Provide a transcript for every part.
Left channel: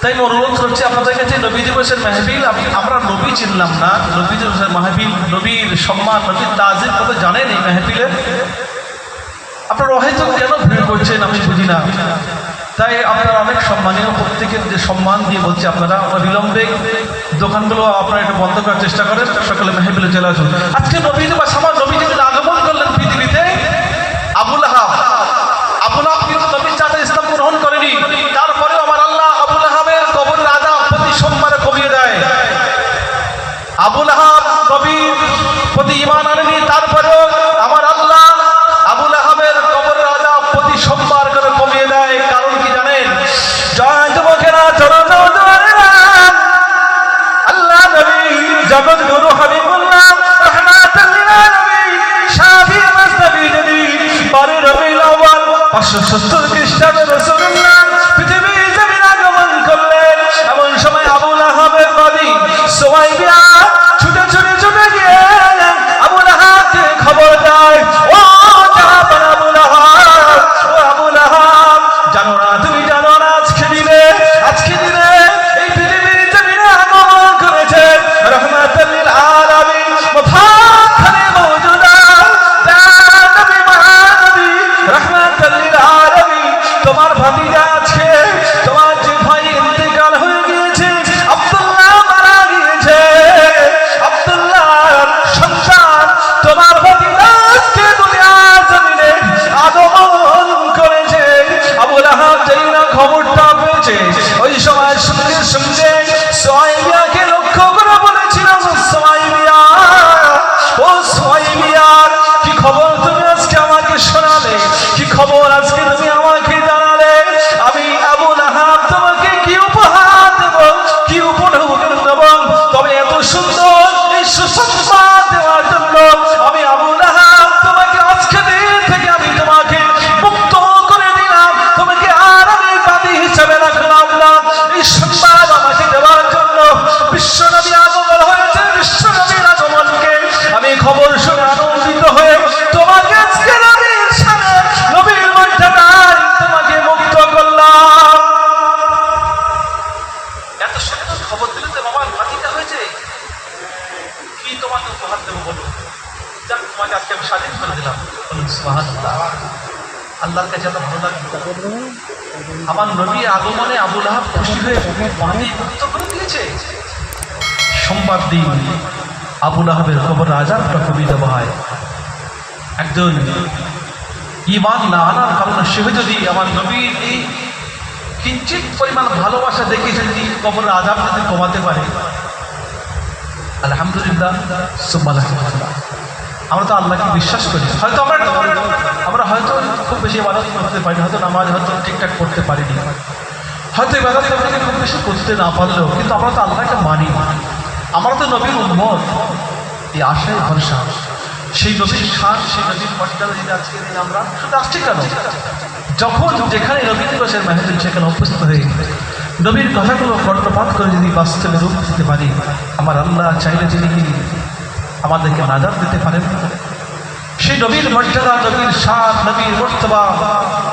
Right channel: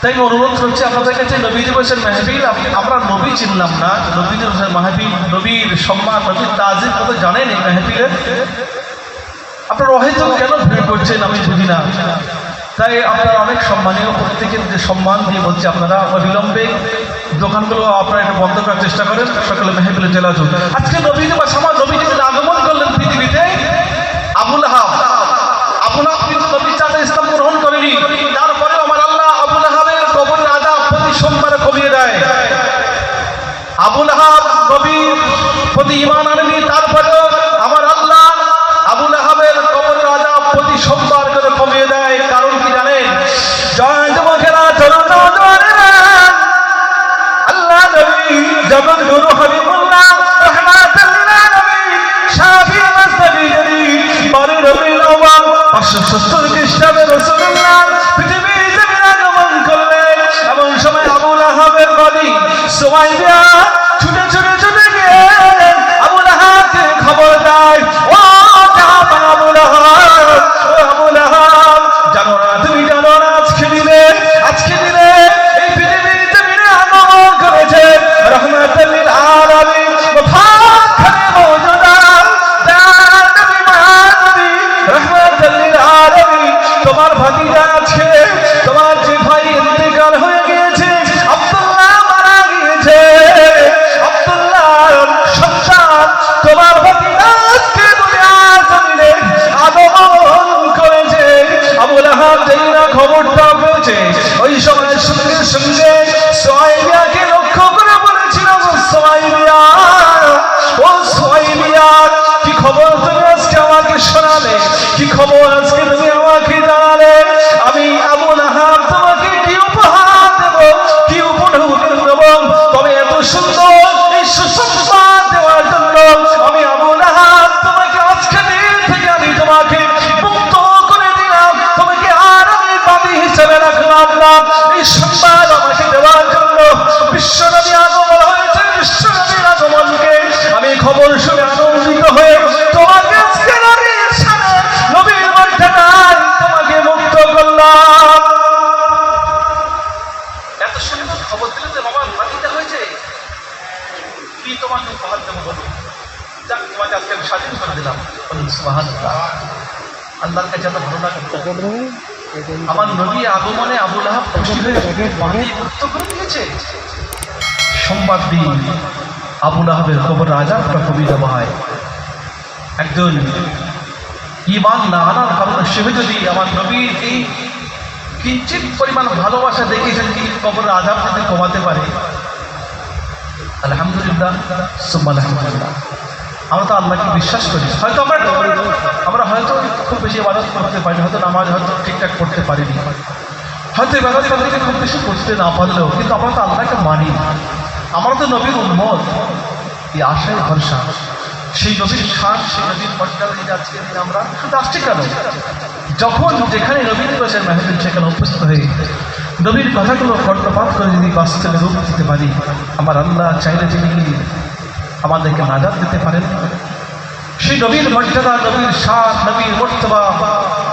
তাই আমি অনুরোধ করছি আপনাদের কাছে নবী দিবসের মাহফিল, আমরা নবী চিনলাম না, নবী দিবসের মাহফিল, নবীর সম্মান, নবীর তাজিম কথা জানেন এই মাহফিলে? আপনারা হয়তো কেন ভিড় করছেন আমি বুঝি না। তাই আপনারা অনেক সম্মানীয়, প্রত্যেকের যে সম্মান দিয়ে বলছি আপনারা বিলম্বে দোকানগুলো আপনারা একটু বন্ধ করার চেষ্টা করেন, সকালে মাহফিলে চলে আসুন। আজকে নবী দিবস, আমার নবী দিবস আগমন করলেন পৃথিবীতে আবু লাহাব। আবু লাহাব কিন্তু নবীর চাঁদে ইসলাম গ্রহণ করেনি, তারপরে আমার আল্লাহ আবু লাহাবের কবরের আযাব প্রতি সোমবারে কমিয়ে দেয়। আবু লাহাব নবীর প্রতি ঈমান আনেনি, তারপরেও আমার আল্লাহ আবু লাহাবের কবরের আযাব প্রতি সোমবার করে কমিয়ে দেয়। কারণ কি জানেন? জয় যুবকেরা, আল্লাহ নবী যেমন নূর হাবিবুল্লাহ রাহমাতুল লিল আলামিন শাফি মাসনবী নবী 12 রবিউল আউয়াল 570 খ্রিস্টাব্দে রাসূলুল্লাহ পৃথিবী জমিনে আগমন করলেন। এমন সময় আবু লাহাবের নবী সুমাইয়া ছুটে ছুটে ছুটে গিয়ে আবু লাহাবকে খবর দেয়, ও আবু লাহাব, ও আবু লাহাব, জানো না, তুমি জানো না আজকে দিনে এই পৃথিবীর জমিনে আগমন করেছে রাহমাতুল লিল আলামিন মুফাখখারে মওজুদা জানবী মানবী রাহমাতুল লিল আলামিন। তোমার ভাতিজা আজকে, তোমার যে ভাই ইন্তেকাল হয়ে গিয়েছে, আব্দুল্লাহ মারা গিয়েছে, আব্দুল্লাহর সন্তান তোমার ভাতিজা আজকে দুনিয়ার জমিনে আগমন করেছে। আবু লাহাব যেই না খবরটা পেয়েছে, ওই সময় সঙ্গে সঙ্গে সুমাইয়াকে লক্ষ্য করে বলেছিল, সুমাইয়া, ও সুমাইয়া, কি খবর তুমি আজকে আমাকে শোনালে? কি খবর আজকে তুমি আমাকে জানালে? আমি আবু লাহাব তোমাকে কি উপহার দেব, কি উপহার দেব? তবে এত সুন্দর এই সুসংবাদ দেওয়ার জন্য আমি আবু লাহাব তোমাকে আজকে দিন থেকে আমি তোমাকে মুক্ত করে দিলাম, তোমাকে আর আমি বাদী হিসেবে রাখলাম না। এই সংবাদ আমাকে দেওয়ার জন্য বিশ্বনবী আগমন হয়েছে, বিশ্বনবীর আগমনকে আমি খবর শুনে আনন্দিত হয়ে তোমাকে আজকে নবীর সাথে নবীর মর্যাদায় তোমাকে মুক্ত করলাম। এত সুন্দর খবর দিলে তো বাবার ভাতিজা হয়েছে, কি তোমাকে উপহার দেবো বলো? যাক, তোমাকে আজকে আমি স্বাধীন করে দিলাম। সুবহানাল্লাহ, আল্লাহর কাছে এত ভালো লাগে। আমার নবী আগমনে আবু লাহাব খুশি হয়ে অনেক মুক্ত করে দিয়েছে। সোমবার দিন আবু লাহাবের কবরের আযাবটা কমিয়ে দেওয়া হয়। একজন ঈমান না আনার কারণে সে যদি আমার নবীর এই কিঞ্চিত পরিমাণ ভালোবাসা দেখেছেন, কি কবরের আযাব যদি কমাতে পারে, আলহামদুলিল্লাহ, সুবহান আলহামদুলিল্লাহ। আমরা তো আল্লাহকে বিশ্বাস করি। হয়তো আমরা হয়তো খুব বেশি ইবাদত করতে পারি, হয়তো নামাজ হয়তো ঠিকঠাক করতে পারিনি, হয়তো ইবাদত করতে খুব বেশি করতে না পারলেও, কিন্তু আমরা তো আল্লাহকে মানি। আমরা তো নবীর উম্মত, এই আশায় ভরসা, সেই নবীর শান, সেই নবীর মর্যাদা দিতে আজকে দিন আমরা শুধু আসছি কেন? যখন যেখানে নবীর দিবসের মাহফিল, সেখানে উপস্থিত হয়ে নবীর কথাগুলো কর্ণপাত করে যদি বাস্তবে রূপ দিতে পারি, আমার আল্লাহ চাইলে যিনি কি আমাদেরকে নাজাত দিতে পারেন। সেই নবীর মর্যাদা, নবীর শান, নবীর মর্তবা,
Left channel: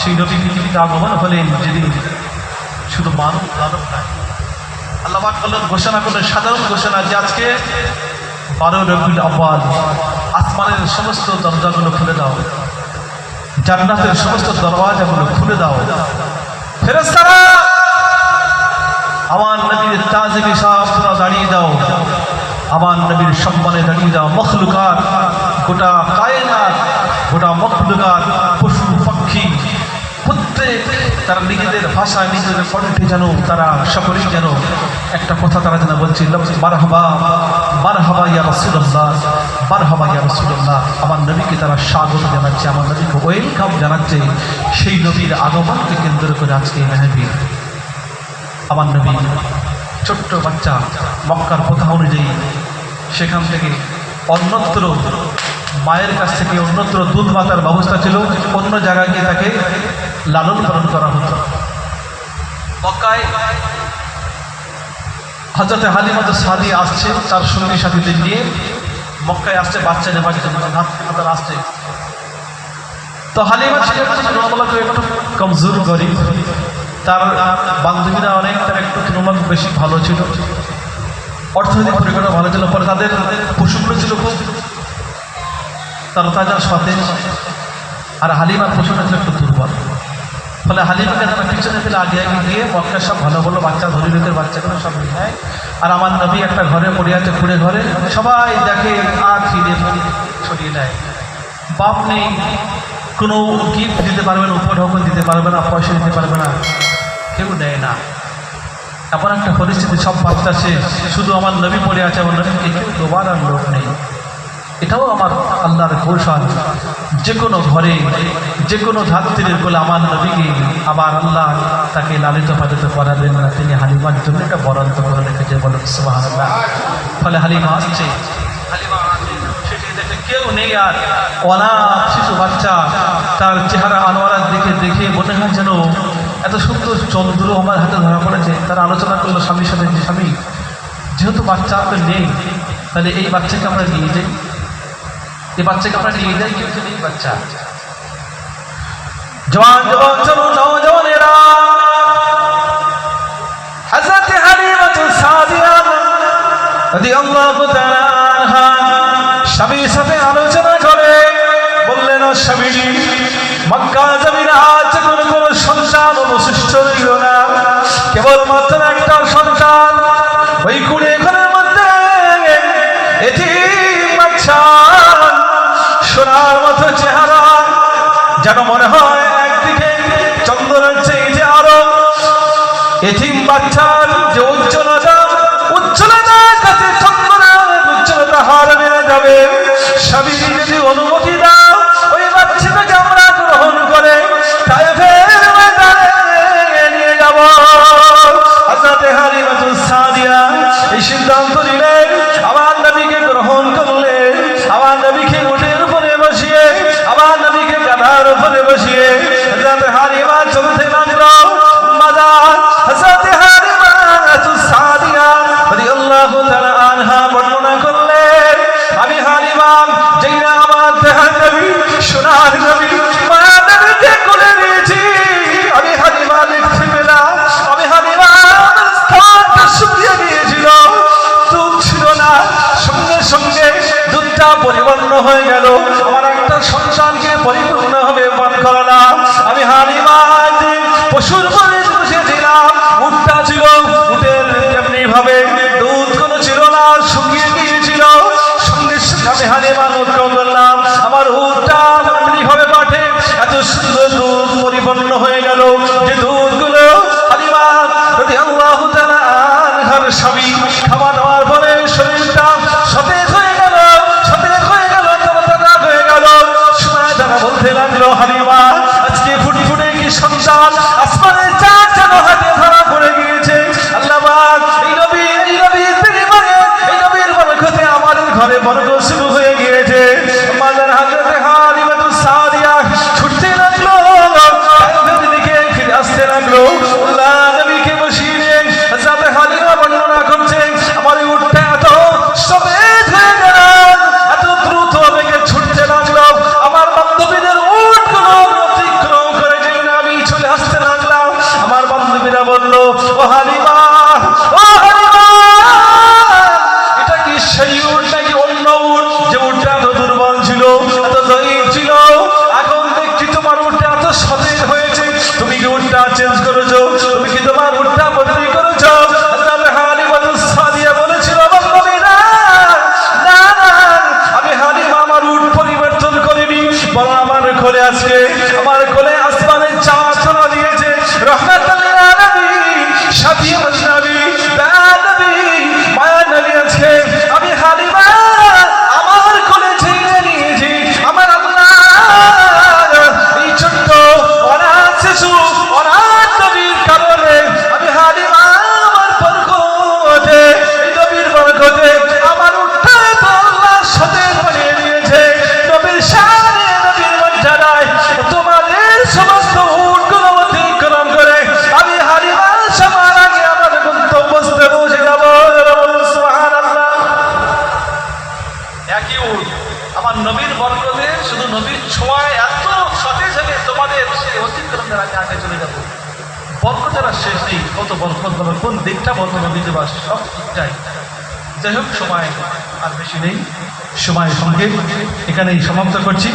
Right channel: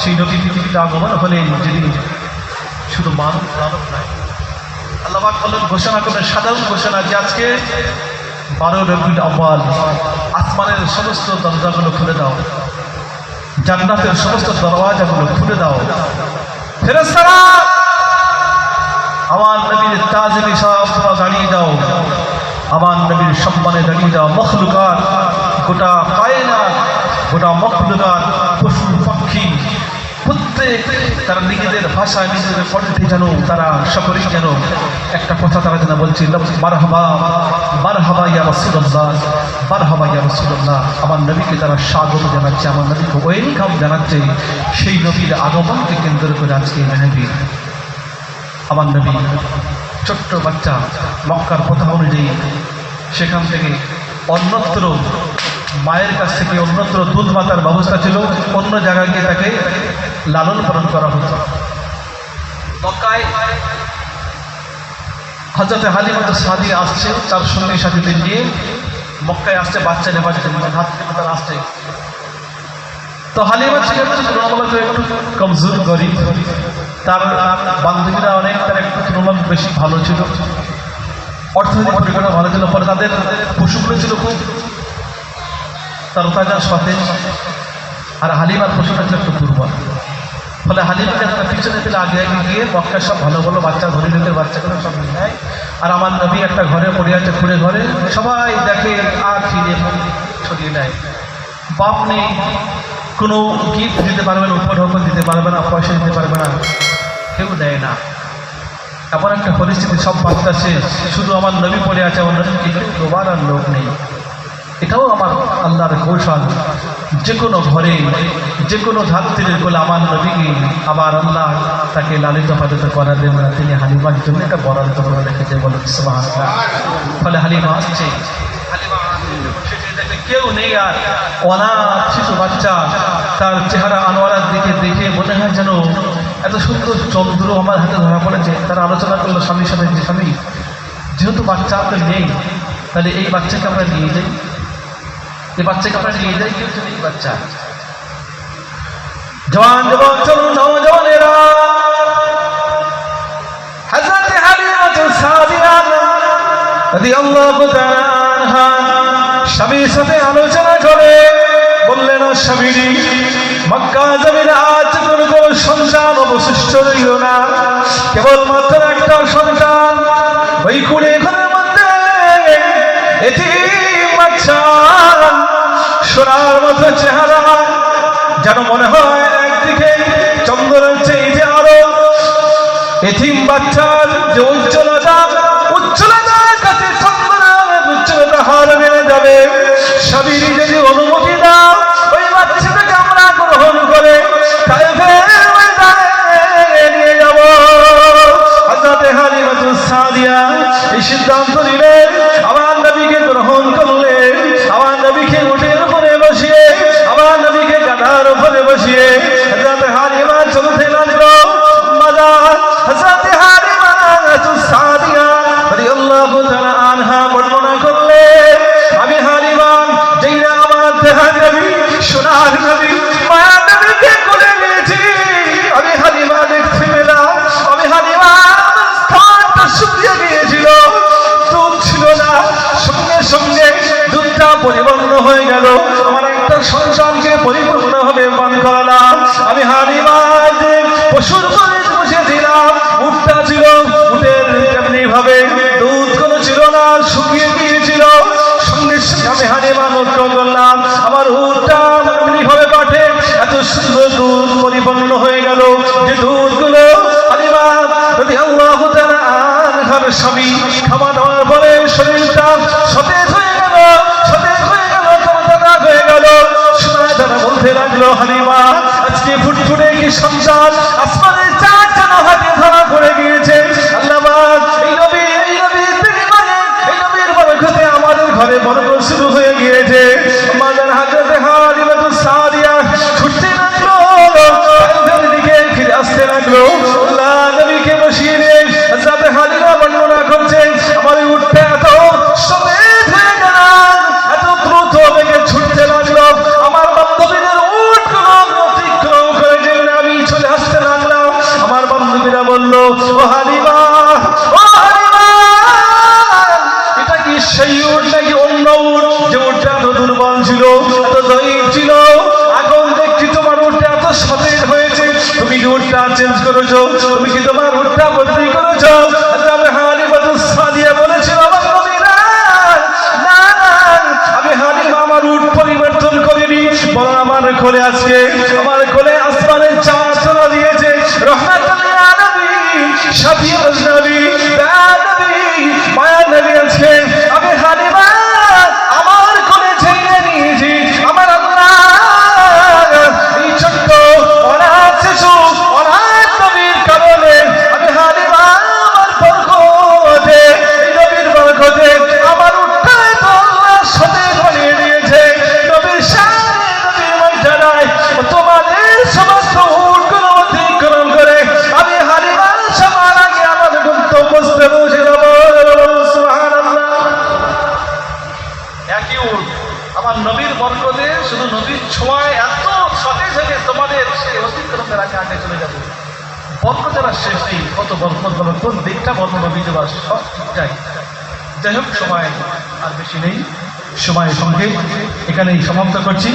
সেই নবী পৃথিবীতে আগমন হলেন যেদিন শুধু মানব মানব নয়, আল্লাহ পাক বললেন, ঘোষণা করলেন, সাধারণ ঘোষণা, যে আজকে 12 রবিউল আউয়াল, আসমানের সমস্ত দরজাগুলো খুলে দাও, জান্নাতের সমস্ত দরওয়াজাগুলো খুলে দাও, ফেরেশতারা আমার নবীর তাজিমি সাহাবরা দাঁড়িয়ে দাও, আমার নবীর সম্মানে দাঁড়িয়ে দাও। মখলুকাত, গোটা কায়নাত, গোটা মখলুকাত, পশু পাখি প্রত্যেক তারা নিজেদের ভাষায়, নিজেদের কণ্ঠে যেন তারা সকলেই যেন একটা কথা তারা যেন বলছে, মারহাবা মারহাবা ইয়া রাসূলুল্লাহ, মারহাবা ইয়া রাসূলুল্লাহ। আমার নবীকে তারা স্বাগত জানাচ্ছে, আমার নবীকে ওয়েলকাম জানাচ্ছে। সেই নবীর আগমনকে কেন্দ্র করে আজকে এই মাহফিল। আমার নবী ছোট্ট বাচ্চা, মক্কার প্রথা অনুযায়ী সেখান থেকে অন্যত্র মায়ের কাছ থেকে অন্যত্র দুধ মাতার ব্যবস্থা ছিল, অন্য জায়গায় গিয়ে তাকে লালন পালন করা হতো। মক্কায় হযরত হালিমা সাদিয়া আসছে তার সঙ্গী সাথীদের নিয়ে, মক্কায় আসছে বাচ্চা নেবার জন্য, আসছে। তো হালিমা ছিল একটু কমজোর, গরিব, তার বান্ধবীরা অনেক, তার একটু তুলনা বেশি ভালো ছিল, অর্থনৈতিক পরিকাঠামো ভালো ছিল, ফলে তাদের পশুগুলো ছিল খুব তাজা সতেজ, আর হালিমার পশুটা ছিল একটু দুর্বল। ফলে হালিমাকে পিছনে ফেলে আগে আগে গিয়ে মক্কার সব ভালো ভালো বাচ্চা ধরিলের বাচ্চাগুলো সব নিয়ে নেয়, আর আমার নবী একটা ঘরে পড়ে আছে, খুঁড়ে ঘরে সবাই দেখে আর ফিরে সরিয়ে নেয়। বাপ নেই, কোনো গিফট দিতে পারবে না, উপঢৌকন দিতে পারবে না, পয়সা দিতে পারবে না, কেউ দেয় না। এমন একটা পরিস্থিতি, সব বাচ্চা শেষ, শুধু আমার নবী পড়ে আছে, আমার নবীকে কেউ দেওয়ার আর লোক নেই। এটাও আমার আল্লাহর কৌশল, যে কোনো ঘরে যে কোনো ধাত্রীর বলে আমার নবীকে আবার আল্লাহ তাকে লালিত পালিত করাবেন না, তিনি হালিমার জন্য একটা বরাদ্দ করে রেখেছে, বলে সুবহানাল্লাহ। ফলে হালিমা আসছে, কেউ নেই, আর অনাথ শিশু বাচ্চা, তার চেহারা আনোয়ারার দিকে দেখে মনে হয় যেন এত সুন্দর চন্দ্র আমার হাতে ধরা পড়েছে। তারা আলোচনা করলো স্বামীর সাথে, যে স্বামী যেহেতু বাচ্চা আপনার নেই, তাহলে এই বাচ্চাকে আমরা নিয়ে যাই, এই বাচ্চাকে আমরা নিয়ে যাই, কেউ তো নেই বাচ্চা। জওয়ান জওয়ান নওজওয়ানেরা হযরত হালিমা সাদিয়া রাদিয়াল্লাহু তাআলা আনহা স্বামীর সাথে আলোচনা করে বললেন, স্বামী মক্কা জমিনে আজ কোনো সন্তান অবশিষ্ট রইল না, কেবলমাত্র একটা সন্তান, ওই কুড়ে ঘরের মধ্যে এতিম বাচ্চা, সোনার মতো চেহারা, যেন মনে হয় একদিকে চন্দ্রের চেয়ে যে আলো, এতিম বাচ্চার যে উজ্জ্বলতা তাতে চন্দ্রের উজ্জ্বলতা হার বেড়ে যাবে। স্বামী যদি অনুমতি দাও, ওই বাচ্চাটাকে আমরা গ্রহণ করে তাই নিয়ে যাব। হযরত হালিমা সাদিয়া এই সিদ্ধান্ত নিলেন, আমার নবীকে গ্রহণ করলেন, আমার নবীকে উটের উপরে বসিয়ে, আমার নবীকে গাধার উপরে বসিয়ে হযরত হালিমা চলতে লাগলো। হযরত হালিমা সাদিয়া রাদিয়াল্লাহু তাআলা আনহা বর্ণনা করলেন, আমি হালিমা যেই না আমার দেহার নবী, সোনার নবী, মায়ের নবীকে কোলে নিয়েছি, আমি হালিমা দেখতে পেলাম, আমি হালিমা স্থানটা শুকিয়ে গিয়েছিল, দুধ ছিল না, সঙ্গে সঙ্গে দুধটা পরিপূর্ণ হয়ে গেল, আমার একটা সংসারকে পরিপূর্ণ হবে পান করলাম। আমি হালিমা যে পশুর পরে বসেছিলাম, উটটা ছিল, উটের এমনি ভাবে দুধ কোনো ছিল না, শুকিয়ে গিয়েছিল, সঙ্গে সঙ্গে আমি হালিমা লক্ষ্য করলাম আমার উটটা এমনি ভাবে পাঠে এত সুন্দর দুধ পরিপূর্ণ হয়ে গেল, যে দুধগুলো হালিমা রাদিয়াল্লাহু তাআলা আনহার স্বামী খাওয়া দাওয়ার পরে শরীরটা সতেজ হয়ে গেল, সতেজ হয়ে গেল, তাজা হয়ে গেল। তারা বলতে লাগলো, হালিমা আজকে ফুটফুটে কি সংসার, আসমানের চাঁদ যেন হাতে ধরা পড়ে গিয়েছে। আল্লাহ এই নবীর বিনিময়ে, এই নবীর বরকতে আমাদের ঘরে বরকত শুরু হয়ে গিয়েছে। মাদার হযরত হালিমা সাদিয়া ছুটতে লাগলো, তাদের দিকে ফিরে আসতে লাগলো। আল্লাহ নবীকে বসিয়ে নিয়ে হযরত হালিমা বর্ণনা করছেন, আমার উটটা এত সতেজ হয়ে গেল, এত দ্রুত বেগে ছুটতে লাগলো, আমার বান্ধবীদের উটগুলো অতিক্রম করে যেই না আমি চলে আসতে লাগলাম, আমার বান্ধবীরা বলল, ও হালিমা, ও হালিমা, এটা কি সেই উট নাকি অন্য উট, যে উটটা এত দুর্বল ছিল, এত জয়ীফ ছিল, এখন দেখছি তোমার উটটা এত সতেজ হয়েছে, তুমি কি উটটা চেঞ্জ করেছো, তুমি কি তোমার উটটা বদলি করেছো? হালিমা সাদিয়া বলেছিল, আমি হালিমা আমার উট পরিবর্তন করিনি, বরং আমার কোলে আজকে, আমার কোলে আসমানের চাঁদ চলে দিয়েছে, রহমাতুল লিল আলামিন, শাফি নবী, দয়ার নবী, মায়ার নবী আজকে আমি হালিমা আমার কোলে ছেড়ে নিয়েছি। আমার আল্লাহ এই ছোট্ট অনাথ শিশু, অনাথ নবীর কারণে আমি হালিমা আমার বরকতে, এই নবীর বরকতে আমার উঠতে আল্লাহ সতেজ বানিয়ে দিয়েছে। নবীর সামনে, নবীর মর্যাদায় তোমাদের সমস্ত উটগুলো অতিক্রম করে আমি হালিমা সবার আগে আমার গন্তব্যস্থলে পৌঁছে যাব। সুবহানাল্লাহ। একই উট, আমার নবীর বরকতে, শুধু নবীর ছোঁয়ায় এত সতেজ হয়ে তোমাদের সেই অতিক্রমের আগে আগে চলে যাব। বর্ণনা শেষ নেই, কত বরকত পাবে, কোন দিকটা বর্ণনা দিতে পারে সব ঠিকঠাক। যাই হোক, সময় আর বেশি নেই, সময় সঙ্গে এখানেই সমাপ্ত করছি।